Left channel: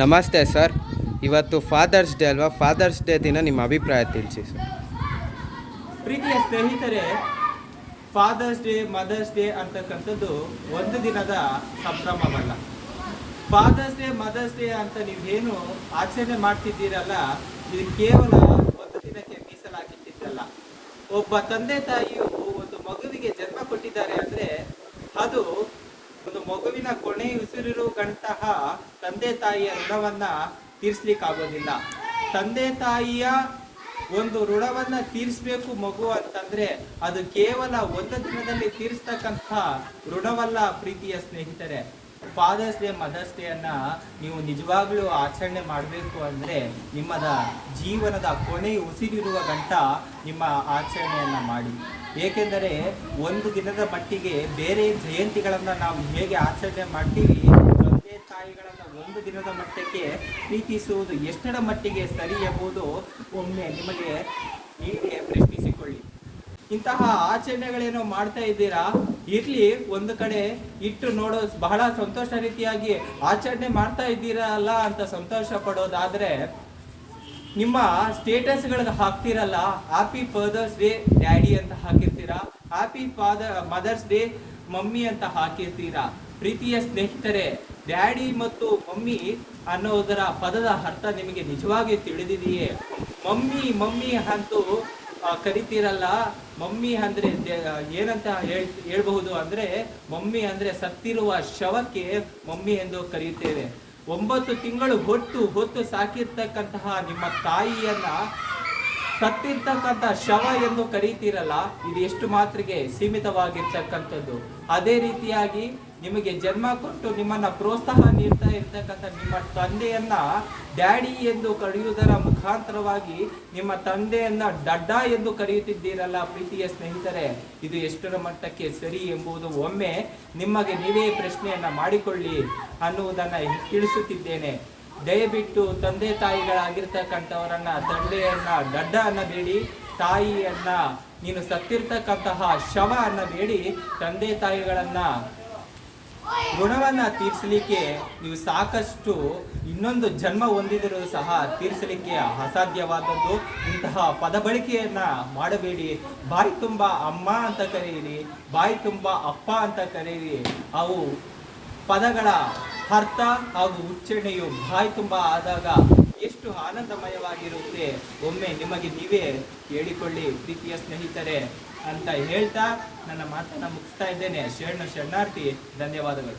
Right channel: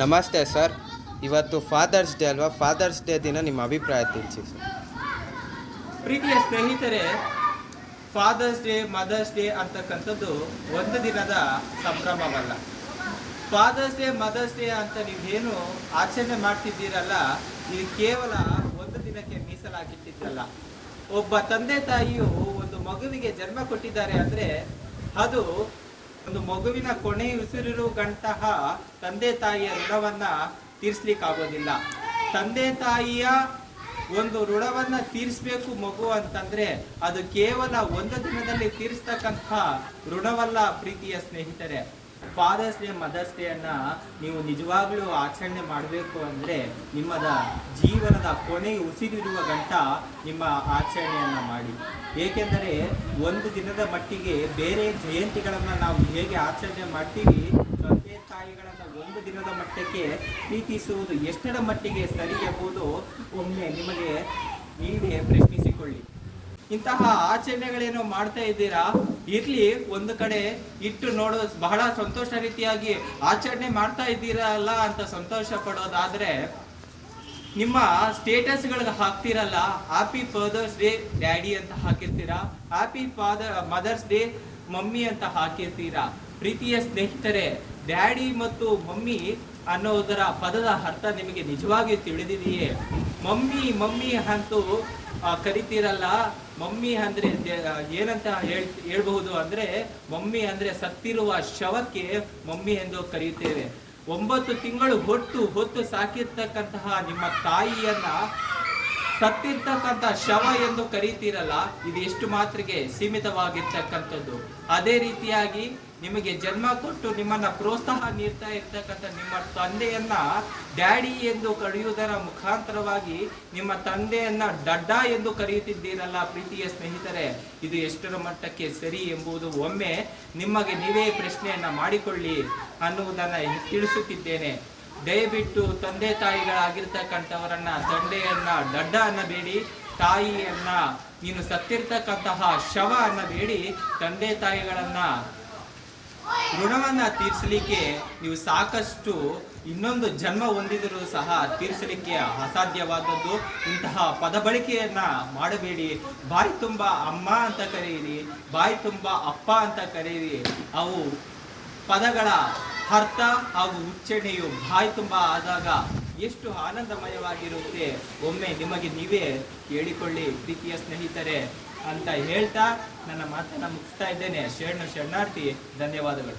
ನಮಸ್ತೆ ಸರ್. ಇವತ್ತು fathers day ಅಲ್ವಾ? ಫಾದರ್ಸ್ ಡೇ ದಿನ ನಿಮ್ಮ ಅಭಿಪ್ರಾಯ ತಿಳಿಸಿ ಸರ್. ಪ್ರೀತಿಯ ಸ್ನೇಹಿತರೆ, ಫಾದರ್ಸ್ ಡೇ, ಮದರ್ಸ್ ಡೇ ಅಂತಕ್ಕಂಥದ್ದು ಒಂದು ದಿನದ ಸಂಭ್ರಮವಲ್ಲ. ಫಾದರ್ಸ್ ಡೇ, ಮದರ್ಸ್ ಡೇ ಅಂತ ನೀವೇನು ಆಚರಣೆ ಮಾಡ್ತಿದ್ದೀರಲ್ಲ, ಇದು ಕೇವಲ ಒಂದು ದಿನಕ್ಕೆ ಮೀಸಲಾಗಿಟ್ಟಿದ್ದಲ್ಲ. ಒಬ್ಬ ತಂದೆ ತಾಯಿಯು ಒಂದು ಮಗುವಿಗೆ ಜನ್ಮ ಕೊಟ್ಟಿದ್ದಾರೆ ಅಂದರೆ ಅದು ಒಂದು ಮಗುವಿನ ಕೊನೆ ಉಸಿರಿರು ಗಂಟಹ ತಂದೆ ತಾಯಿಯ ಋಣವನ್ನ ತೀರಿಸ್ಲಿಕ್ಕಾಗೋದಿಲ್ಲ. ತಂದೆ ತಾಯಿಯ ಒಂದು ಋಣವನ್ನ ತೀರಿಸಬೇಕು ಮಗು ಅಂತಂದ್ರೆ ಅದು ಕೇವಲ ಒಂದು ದಿನದಲ್ಲಿ ತೀರಿಸ್ತಕ್ಕಂಥ ಋಣವಲ್ಲ ಪ್ರೀತಿಯ ಸ್ನೇಹಿತರೆ. ಫಾದರ್ಸ್ ಡೇ, ಮದರ್ಸ್ ಡೇ ಅನ್ನ ನೀವು ನಿಜವಾಗ್ಲೂ ಆಚರಣೆ ಮಾಡಬೇಕು ಅಂದರೆ ನಿಮ್ಮದ ಜೀವನದ ಕೊನೆ ಉಸಿರಿರುವ ಗಂಟ ನಿಮ್ಮ ಆಚರಣೆಯನ್ನ ಮಾಡಿ. ಏಕೆಂದರೆ ಒಂದು ದಿನದ ಮಟ್ಟಿಗೆ ಬೇರೆ ಜಯಂತಿಗಳನ್ನು ನಾವು ಹೇಗೆ ಆಚರಣೆ ಮಾಡ್ತೀವಿ, ತಂದೆ ತಾಯಿಗಳನ್ನು ಒಂದು ದಿನದ ಮಟ್ಟಕ್ಕೆ ಪ್ರೀತಿಸುವುದು ಎಷ್ಟರ ಮಟ್ಟಿಗೆ ಸರಿ ಎಂಬುದು ಒಮ್ಮೆ ನಿಮಗೆ ನೀವೇ ಪ್ರಶ್ನಿಸಿಕೊಳ್ಳಿ. ಇಂತಹ ಆಚರಣೆಗಳೇನೋ ಮಾಡ್ತಾ ಇದ್ದೀರಾ, ಇರ್ಲಿ, ಒಂದು ಕಡೆ ಇಟ್ಟು ನೋಡೋ ಬಹಳ ಸಂತೋಷ ರೀತಿಯಾಗಿ ಆಚರಣೆ ಮಾಡ್ತಾ ಇದ್ದೀರಲ್ಲ ಅಂತ ಸಂತೋಷ ಪಡೋದಾದ್ರೆ ನಿಮ್ಮ ಸ್ಟೇಟಸ್ಗಳಿಗೆ ಹಾಕ್ತಿರಲ್ಲ, ಹ್ಯಾಪಿ ಫಾದರ್ಸ್ ಡೇ ಡ್ಯಾಡಿ ಅಂತ ಹಾಕಿರ್ತೀರಾ, ಹ್ಯಾಪಿ ಮದರ್ಸ್ ಡೇ ಮಮ್ಮಿ ಅಂತ ಹಾಕಿರ್ತೀರಾ. ಪ್ರೀತಿಯ ಸ್ನೇಹಿತರೆ, ಡ್ಯಾಡಿ ಮತ್ತು ಮಮ್ಮಿ ಅನ್ನೋದರ ಪದದ ಅರ್ಥ ನಿಮಗೆ ನಿಜವಾಗಿ ತಿಳಿದಿದೆಯೇ? ಮಮ್ಮಿ ಅಂತೂ ಕರಿತೀರಲ್ಲ, ಮಮ್ಮಿ ಅಂದ್ರೆ ಏನಂತ ಹೇಳ್ಬಹುದು ಅಂದ್ರೆ, ಮಮ್ಮಿ ಅಂದ್ರೆ ಸತ್ತಿರುವ ಶವಕ್ಕೆ ಮಮ್ಮಿ ಎಂದು ಕರೆಯುತ್ತೇವೆ. 9 ತಿಂಗಳು ಹೊತ್ತು ಸಾಕಿರ್ತಕ್ಕಂತಹ ನಿಮ್ಮ ತಾಯಿಯನ್ನ ಸತ್ತಿರ್ತಕ್ಕಂಥ ಶವ ಎಂದು ಕರೀತೀರಲ್ಲ, ಇದು ಎಷ್ಟು ಮಾತ್ರಿಗೆ ಸೀಮಿತವಾಗಿರ್ತಕ್ಕಂಥದ್ದು. ಅದೇ ರೀತಿಯಾಗಿ ನಿಮಗೆ ಜನ್ಮ ಕೊಟ್ಟು ನಿಮ್ಮನ್ನ ಪ್ರೋತ್ಸಾಹ ನೀಡ್ತಾ ಇರ್ತಕ್ಕಂಥ ನಿಮ್ಮ ತಂದೆಯನ್ನ ಡ್ಯಾಡಿ ಎಂದು ಕರೆಯುವುದರ ಮುಖಾಂತರವಾಗಿ ನಿಮ್ಮ ತಂದೆಯನ್ನ ಡಡ್ಡ ಎಂದು ಕರೆಯುತ್ತಿದ್ದೀರಲ್ಲ ಪ್ರೀತಿಯ ಸ್ನೇಹಿತರೆ, ಇದು ಎಷ್ಟರ ಮಟ್ಟಕ್ಕೆ ಸರಿ ಎಂಬುದು ಒಮ್ಮೆ ನಿಮಗೆ ನೀವೇ ಪ್ರಶ್ನೆಯನ್ನ ಮಾಡಿಕೊಳ್ಳಿ ಅನ್ನುವುದನ್ನ ತಿಳಿಸುತ್ತಿದ್ದೇನೆ. ದಯವಿಟ್ಟು ತಂದೆ ತಾಯಿಗಳಾಗಿರ್ತಕ್ಕಂಥವರನ್ನ ತಂದೆಯನ್ನ ಡಡ್ಡ ಅನ್ನಬೇಡಿ, ತಾಯಿಯನ್ನ ನೀನು ಸತ್ತಿರ್ತಕ್ಕಂತಹ ಶವ ಅನ್ನಬೇಡಿ. ತಂದೆ ತಾಯಿಗಳನ್ನ ಋಣವನ್ನ ತೀರಿಸಲಿಕ್ಕೆ ನೀವು ಸಾಕಷ್ಟು ಇನ್ನೊಂದು ಜನ್ಮ ಹೊಂದಿದರೂ ಸಹ ತೀರಿಸಲಿಕ್ಕೆ ಅಸಾಧ್ಯವಾದದ್ದು. ಇಂತಹ ಪದ ಬಳಕೆಯನ್ನ ಮಾಡಬೇಡಿ. ಬಾಯಿ ತುಂಬ ಅಮ್ಮ ಅಂತ ಕರೆಯಿರಿ, ಬಾಯಿ ತುಂಬ ಅಪ್ಪ ಅಂತ ಕರೆಯಿರಿ. ಅವು ಪದಗಳ ಅರ್ಥ ಹಾಗೂ ಉಚ್ಚಾರಣೆಯು ಬಾಯಿ ತುಂಬ ಆದಾಗ ಎಷ್ಟು ಆನಂದಮಯವಾಗಿರುತ್ತೆ ಒಮ್ಮೆ ನಿಮಗೆ ನೀವೇ ಹೇಳಿಕೊಳ್ಳಿ ಪ್ರೀತಿಯ ಸ್ನೇಹಿತರೆ ಅಂತ ಹೇಳ್ತಾ ನನ್ನ ಮಾತನ್ನು ಮುಗಿಸ್ತಾ ಇದ್ದೇನೆ. ಶರಣಾರ್ಥಿ. ಧನ್ಯವಾದಗಳು.